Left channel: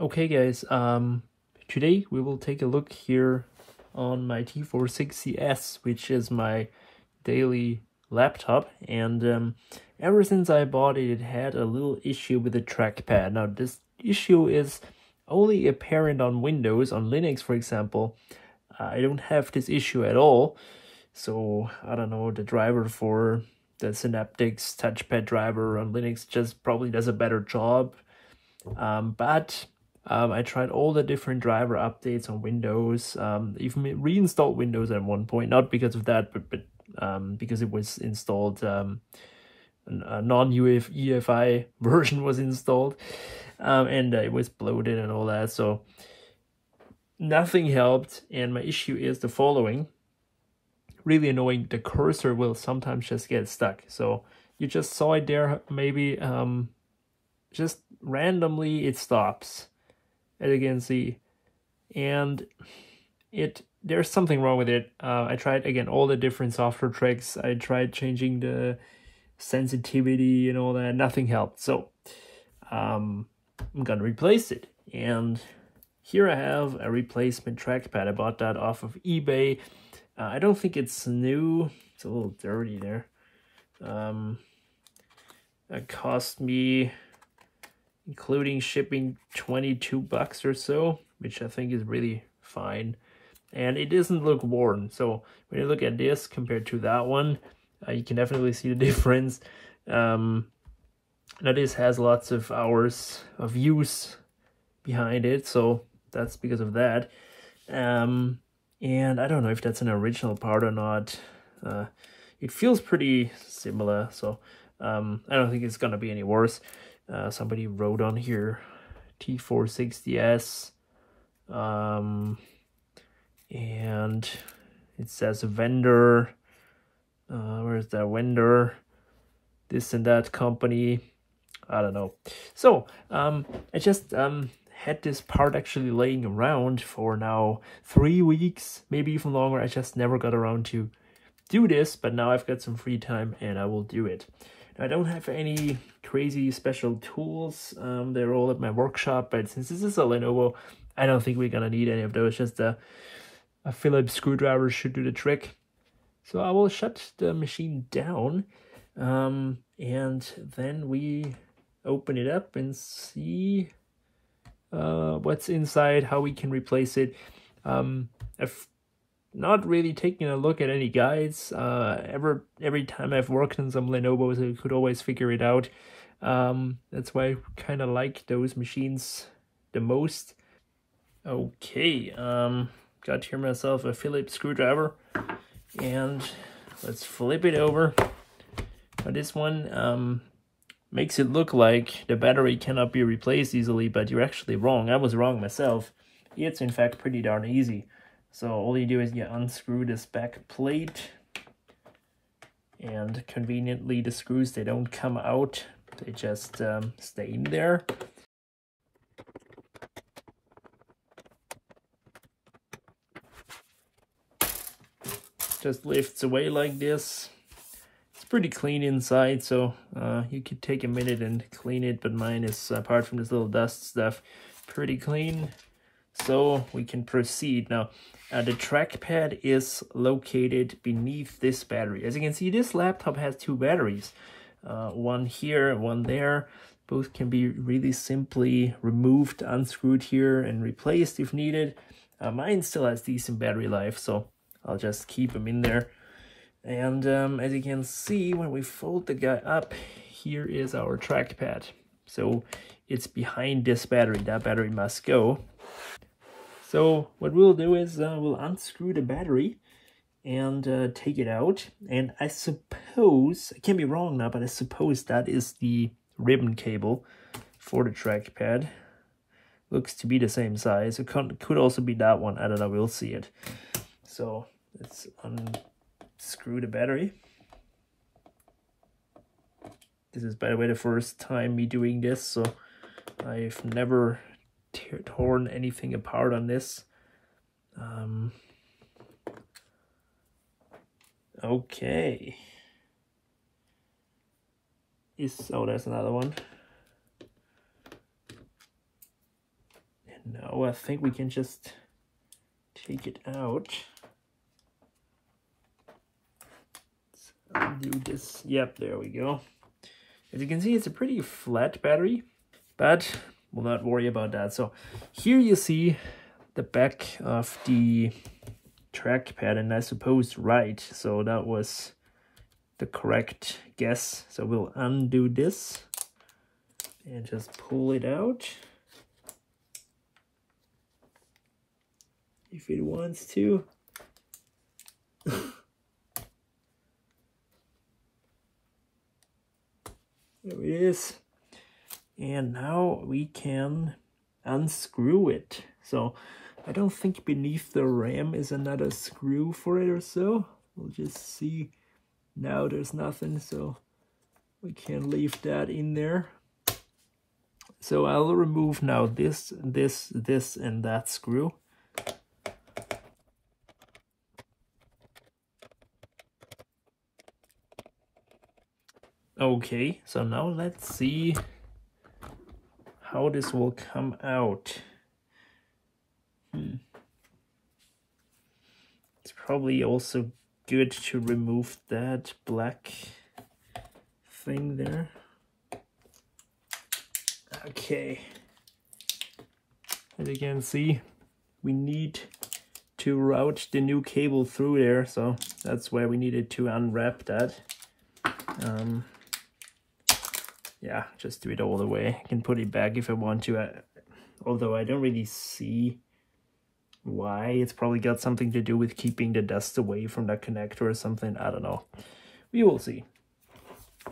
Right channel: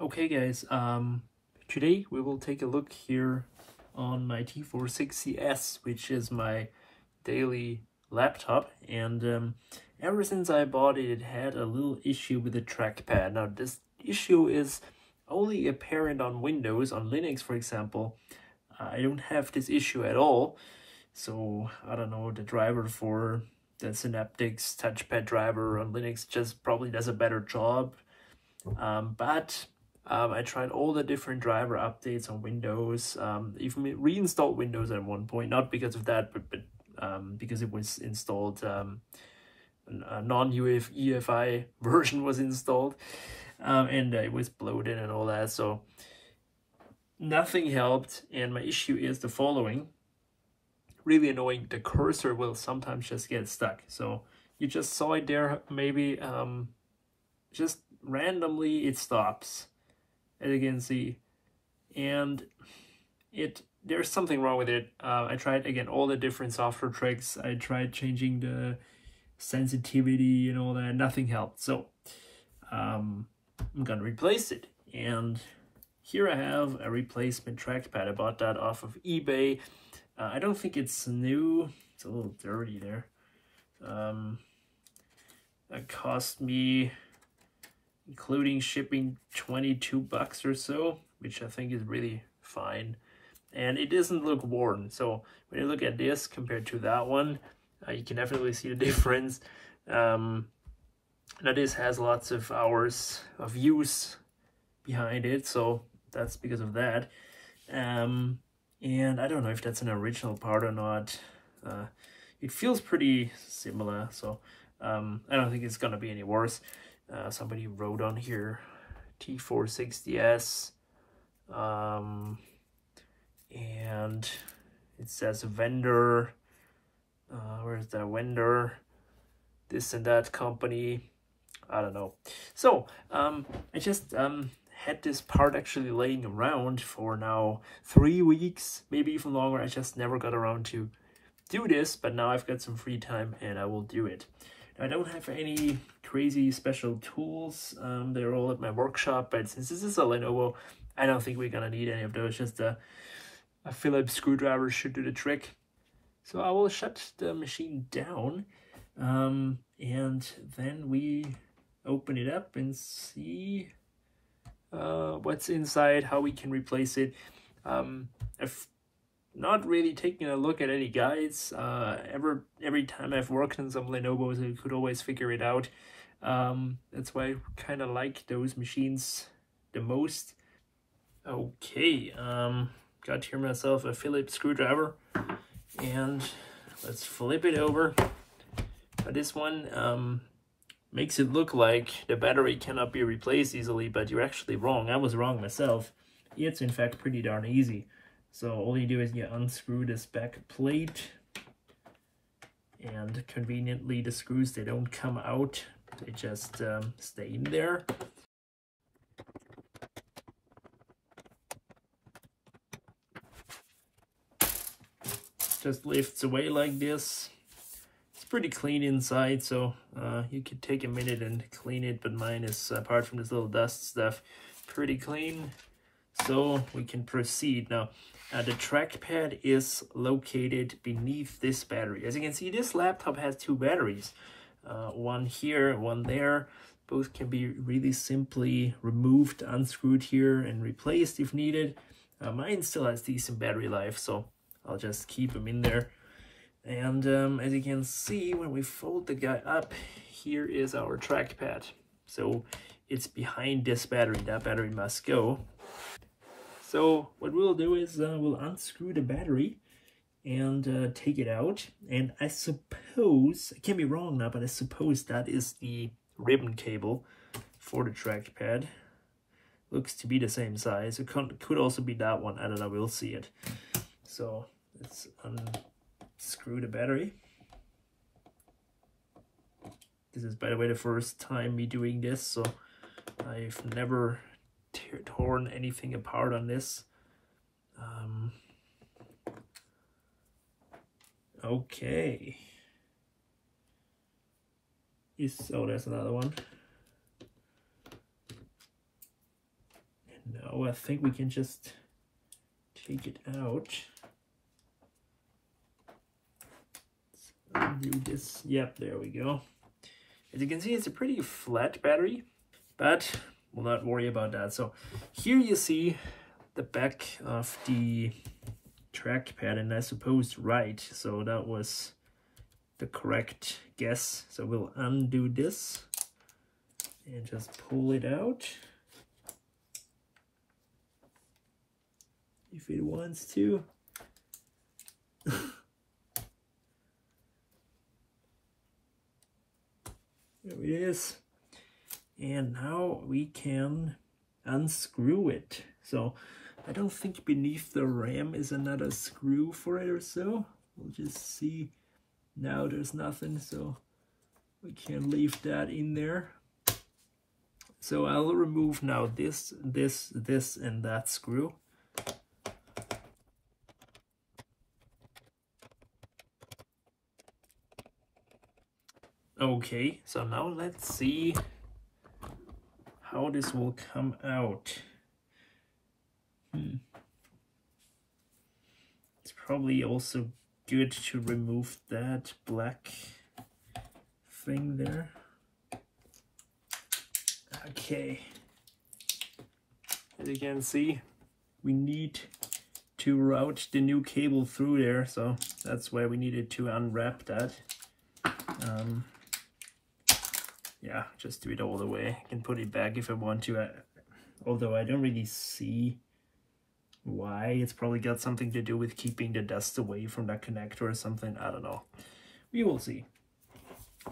Okay guys, today we will take a look here on my T460s, which is my daily laptop, and ever since I bought it, it had a little issue with the trackpad. Now this issue is only apparent on Windows. On Linux, for example, I don't have this issue at all. So I don't know, the driver for the Synaptics Touchpad driver on Linux just probably does a better job. But I tried all the different driver updates on Windows, even reinstalled Windows at one point, not because of that, but because it was installed, a non-UEFI version was installed, and it was bloated and all that, so nothing helped. And my issue is the following. Really annoying, the cursor will sometimes just get stuck. So you just saw it there, maybe just randomly it stops, as you can see, and there's something wrong with it. I tried again all the different software tricks. I tried changing the sensitivity and all that, nothing helped. So I'm gonna replace it, and here I have a replacement trackpad. I bought that off of eBay. I don't think it's new. It's a little dirty there. It cost me, including shipping, 22 bucks or so, which I think is really fine. And it doesn't look worn. So when you look at this compared to that one, you can definitely see the difference. Now this has lots of hours of use behind it, so that's because of that. And I don't know if that's an original part or not. It feels pretty similar, so I don't think it's gonna be any worse. Somebody wrote on here T460s, and it says vendor. Where's that vendor? This and that company. I don't know. So I just had this part actually laying around for now 3 weeks, maybe even longer. I just never got around to do this, but now I've got some free time and I will do it. Now, I don't have any crazy special tools. They're all at my workshop, but since this is a Lenovo, I don't think we're gonna need any of those. Just a Phillips screwdriver should do the trick. So I will shut the machine down, and then we open it up and see what's inside, how we can replace it. I've not really taken a look at any guides. Every time I've worked on some Lenovo's, I could always figure it out. That's why I kind of like those machines the most. Okay, got here myself a Phillips screwdriver, and let's flip it over. Now this one makes it look like the battery cannot be replaced easily, but you're actually wrong. I was wrong myself. It's in fact pretty darn easy. So all you do is you unscrew this back plate, and conveniently the screws, they don't come out. They just stay in there. Just lifts away like this. It's pretty clean inside, so you could take a minute and clean it, but mine is, apart from this little dust stuff, pretty clean. So we can proceed. Now, the trackpad is located beneath this battery. As you can see, this laptop has two batteries. One here, one there. Both can be really simply removed, unscrewed here, and replaced if needed. Mine still has decent battery life, so I'll just keep them in there. And as you can see, when we fold the guy up, here is our trackpad. So it's behind this battery. That battery must go. So what we'll do is we'll unscrew the battery and take it out. And I suppose, I can be wrong now, but I suppose that is the ribbon cable for the trackpad. Looks to be the same size. It could also be that one. I don't know, we'll see it. So let's unscrew the battery. This is, by the way, the first time me doing this, so I've never torn anything apart on this. Okay. Oh, there's another one. Now I think we can just take it out. Let's undo this. Yep, there we go. As you can see, it's a pretty flat battery, but we'll not worry about that. So here you see the back of the trackpad, and I suppose right. So that was the correct guess. So we'll undo this and just pull it out if it wants to. There it is. And now we can unscrew it. So I don't think beneath the RAM is another screw for it or so. We'll just see. Now there's nothing, so we can leave that in there. So I'll remove now this, and that screw. Okay, so now let's see how this will come out. It's probably also good to remove that black thing there. Okay, as you can see, we need to route the new cable through there, so that's why we needed to unwrap that. Yeah, just do it all the way. I can put it back if I want to, although I don't really see why. It's probably got something to do with keeping the dust away from that connector or something. I don't know. We will see.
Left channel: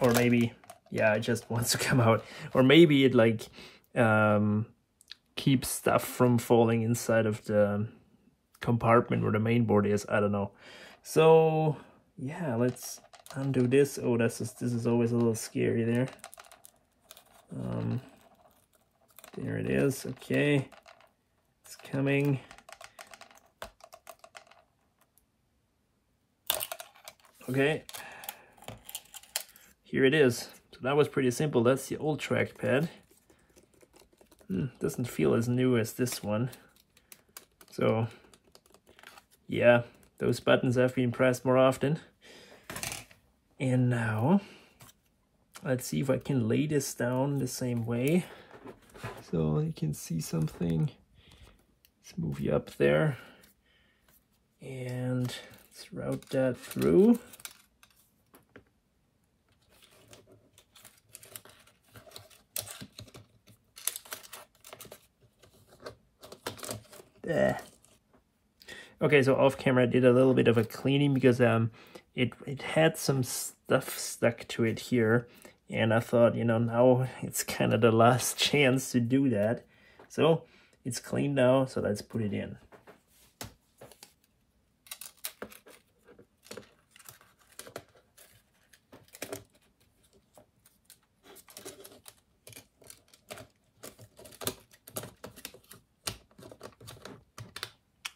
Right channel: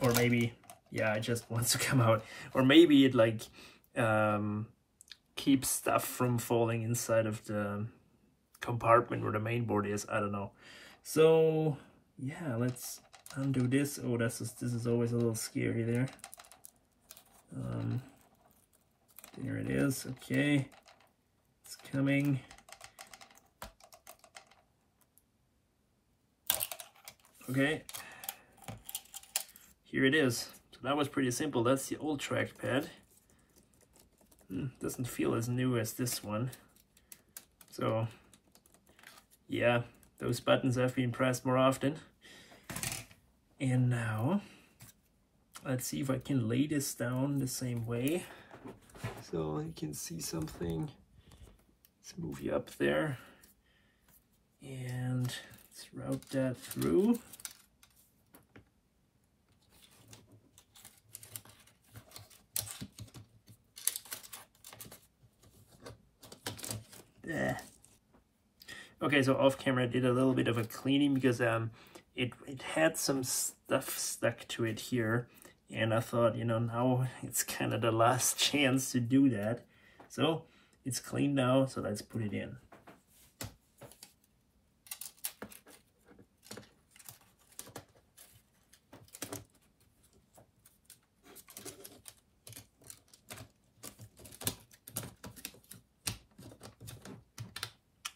Or maybe, yeah, it just wants to come out. Or maybe it like keeps stuff from falling inside of the compartment where the main board is. I don't know. So yeah, let's undo this. Oh, this is always a little scary there. There it is. Okay, it's coming. Okay, here it is. So that was pretty simple. That's the old trackpad. Doesn't feel as new as this one. So yeah, those buttons have been pressed more often. And now let's see if I can lay this down the same way so you can see something. Let's move you up there and let's route that through. There. Okay, so off camera I did a little bit of a cleaning because it had some stuff stuck to it here, and I thought, you know, now it's kind of the last chance to do that. So it's clean now, so let's put it in.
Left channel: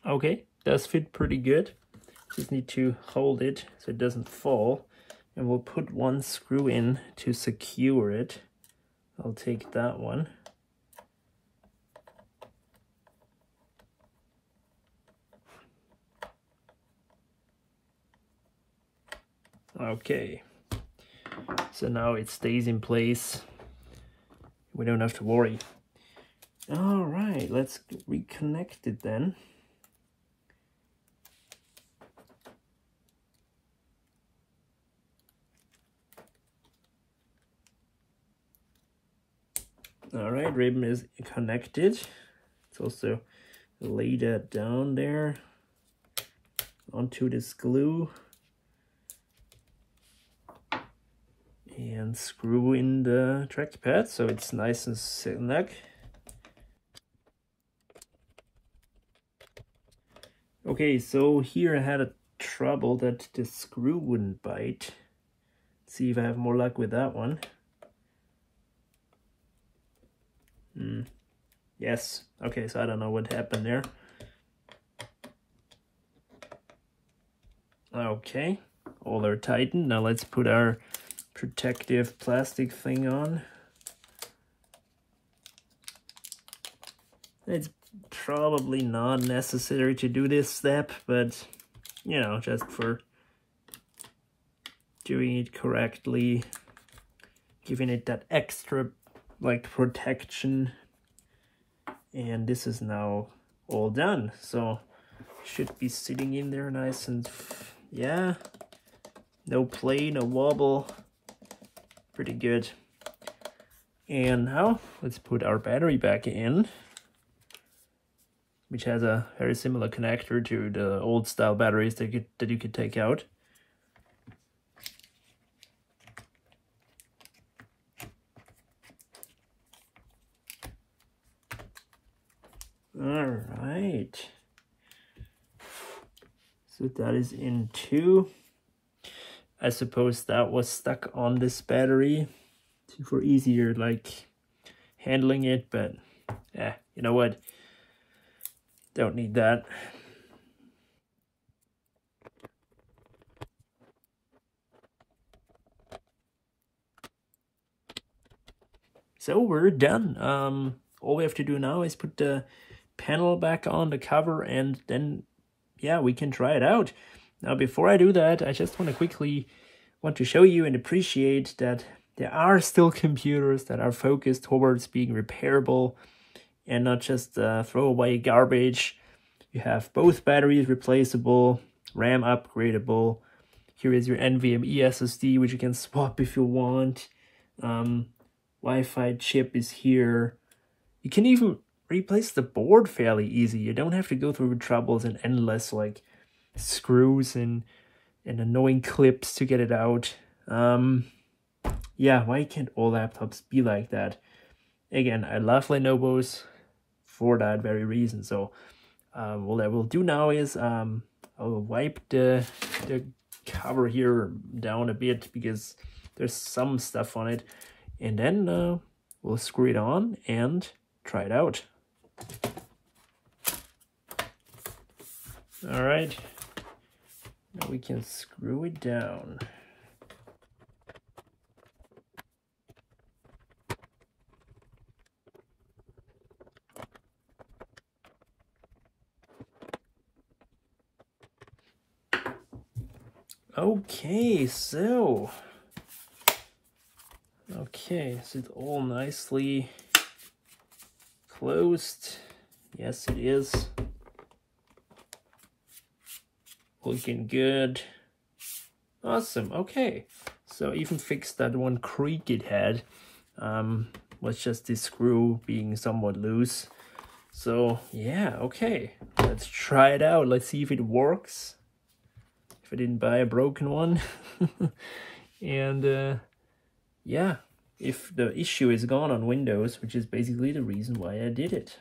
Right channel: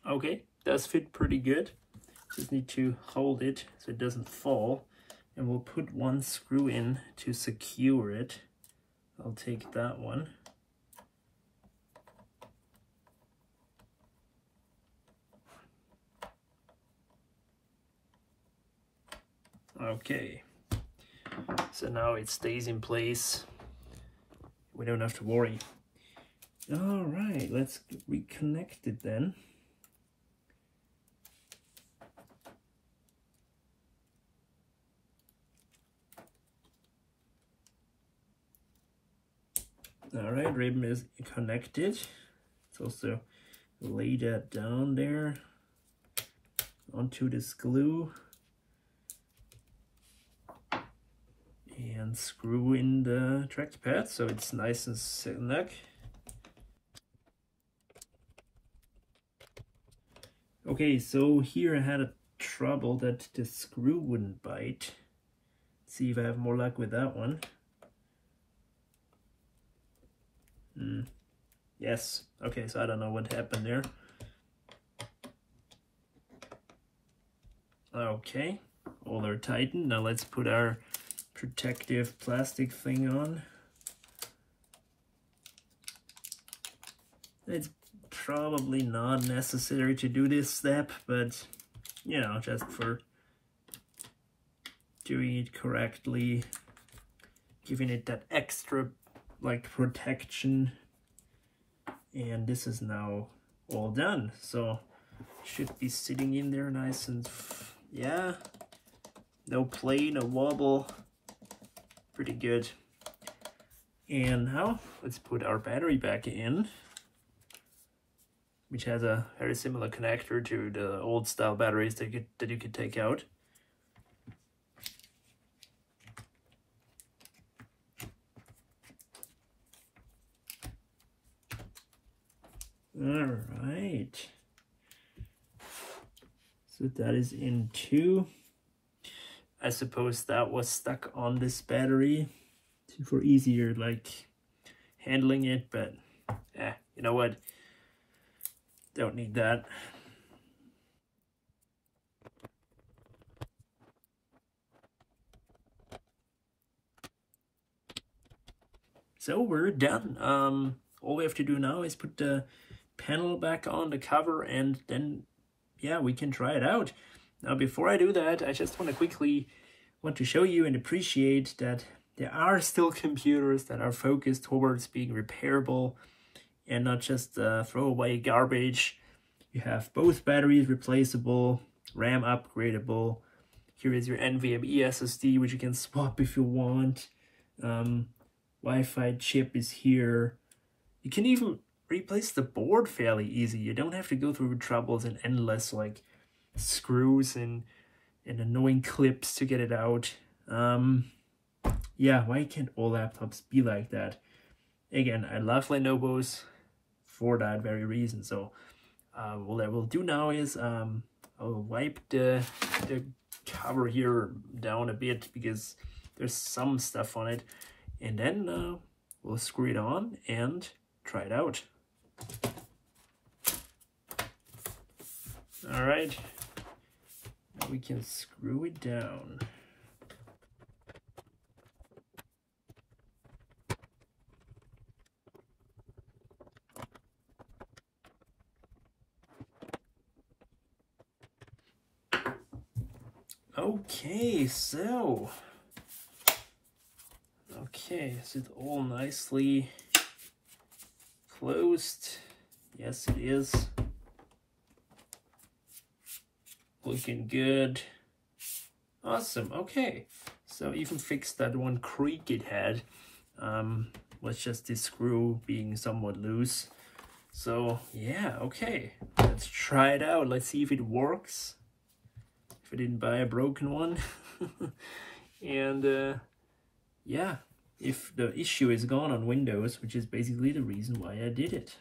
Okay, does fit pretty good. Just need to hold it so it doesn't fall, and we'll put one screw in to secure it. I'll take that one. Okay, so now it stays in place. We don't have to worry. All right, let's reconnect it then. All right, ribbon is connected. Let's also lay that down there onto this glue and screw in the trackpad so it's nice and snug. Okay, so here I had a trouble that the screw wouldn't bite. Let's see if I have more luck with that one. Yes. Okay, so I don't know what happened there. Okay, all are tightened. Now let's put our protective plastic thing on. It's probably not necessary to do this step, but you know, just for doing it correctly, giving it that extra like protection. And this is now all done, so should be sitting in there nice and yeah, no play, no wobble, pretty good. And now let's put our battery back in, which has a very similar connector to the old style batteries that you could take out. All right, so that is in two. I suppose that was stuck on this battery for easier like handling it, but yeah, you know what, don't need that. So we're done. All we have to do now is put the panel back on the cover, and then yeah, we can try it out. Now before I do that, I just want to show you and appreciate that there are still computers that are focused towards being repairable and not just throwaway garbage. You have both batteries replaceable, RAM upgradable. Here is your NVMe SSD, which you can swap if you want. Wi-Fi chip is here. You can even replace the board fairly easy. You don't have to go through troubles and endless like screws and annoying clips to get it out. Yeah, why can't all laptops be like that? Again, I love Lenovo's for that very reason. So what I will do now is I'll wipe the cover here down a bit because there's some stuff on it, and then we'll screw it on and try it out. All right, we can screw it down. Okay, so is it all nicely closed? Yes, it is. Looking good. Awesome. Okay, so even fixed that one creak it had. Was just this screw being somewhat loose. So yeah, okay, let's try it out. Let's see if it works. If I didn't buy a broken one. And yeah, if the issue is gone on Windows, which is basically the reason why I did it.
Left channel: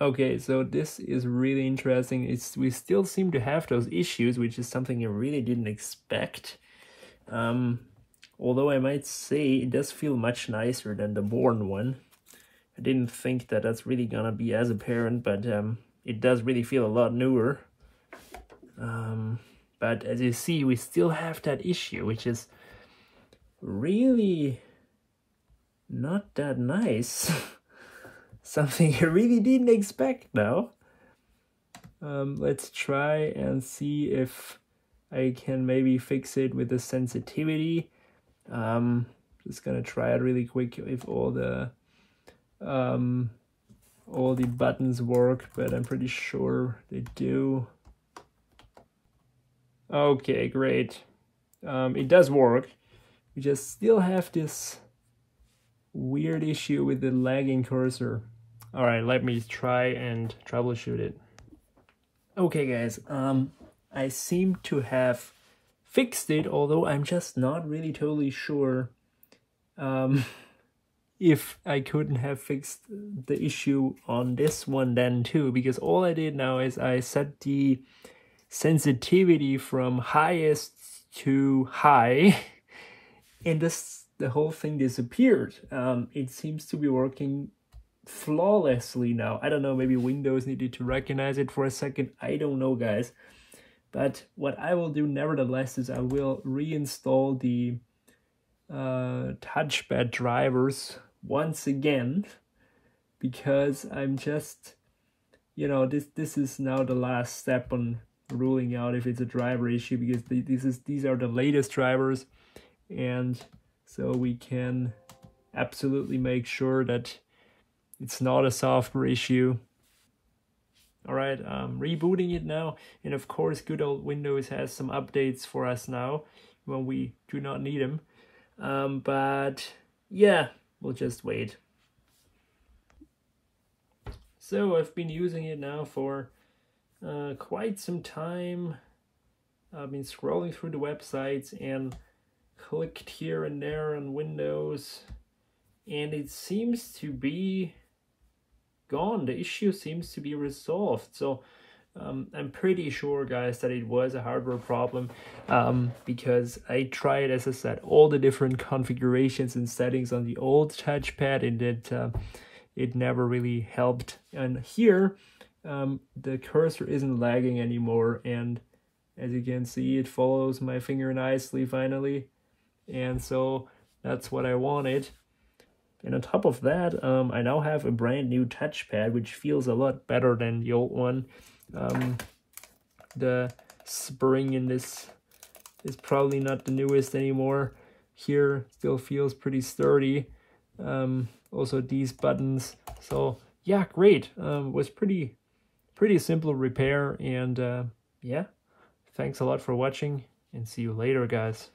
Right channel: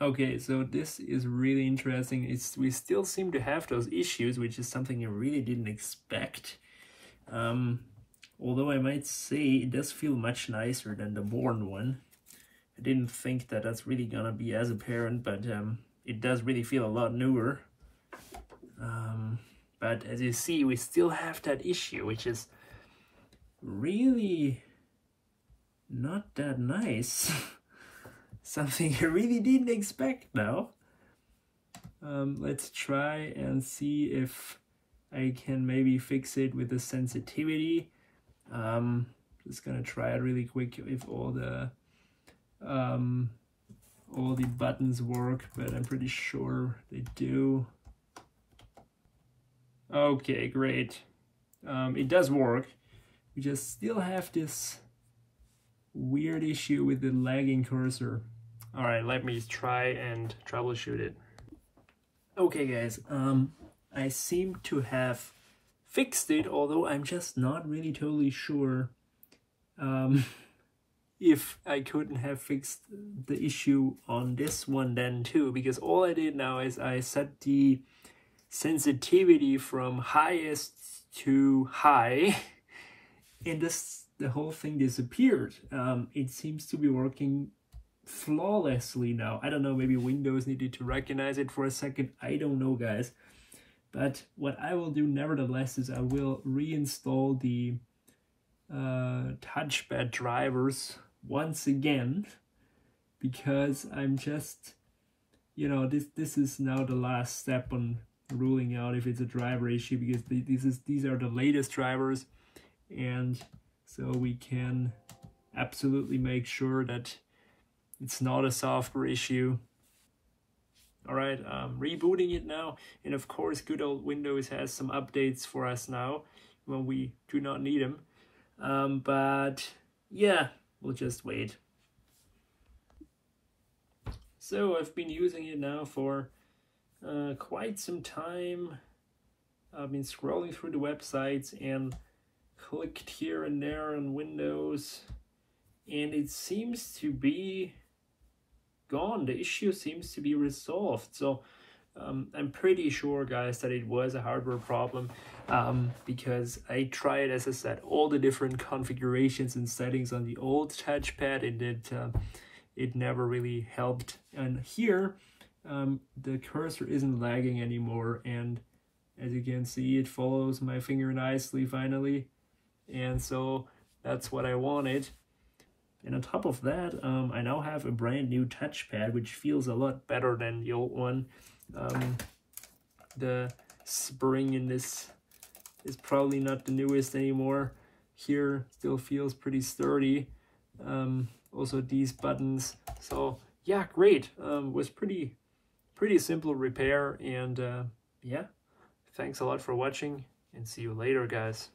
Okay, so this is really interesting. We still seem to have those issues, which is something I really didn't expect. Although I might say it does feel much nicer than the worn one. I didn't think that that's really gonna be as apparent, but it does really feel a lot newer. But as you see, we still have that issue, which is really not that nice. Something I really didn't expect now. Let's try and see if I can maybe fix it with the sensitivity. Just gonna try it really quick if all the buttons work, but I'm pretty sure they do. Okay, great. It does work. We just still have this weird issue with the lagging cursor. All right, let me try and troubleshoot it. Okay, guys, I seem to have fixed it, although I'm just not really totally sure if I couldn't have fixed the issue on this one then too, because all I did now is I set the sensitivity from highest to high, and the whole thing disappeared. It seems to be working flawlessly now. I don't know, maybe Windows needed to recognize it for a second. I don't know, guys. But what I will do nevertheless is I will reinstall the Touchpad drivers once again, because I'm just, you know, this is now the last step on ruling out if it's a driver issue, because these are the latest drivers, and so we can absolutely make sure that it's not a software issue. All right, rebooting it now, and of course good old Windows has some updates for us now when we do not need them, but yeah, we'll just wait. So I've been using it now for quite some time. I've been scrolling through the websites and clicked here and there on Windows, and it seems to be gone. The issue seems to be resolved. So I'm pretty sure, guys, that it was a hardware problem, because I tried, as I said, all the different configurations and settings on the old touchpad, and it never really helped. And here the cursor isn't lagging anymore, and as you can see, it follows my finger nicely finally, and so that's what I wanted. And on top of that, I now have a brand new touchpad, which feels a lot better than the old one. The spring in this is probably not the newest anymore. Here still feels pretty sturdy. Also these buttons. So yeah, great. Was pretty simple repair, and yeah, thanks a lot for watching, and see you later, guys.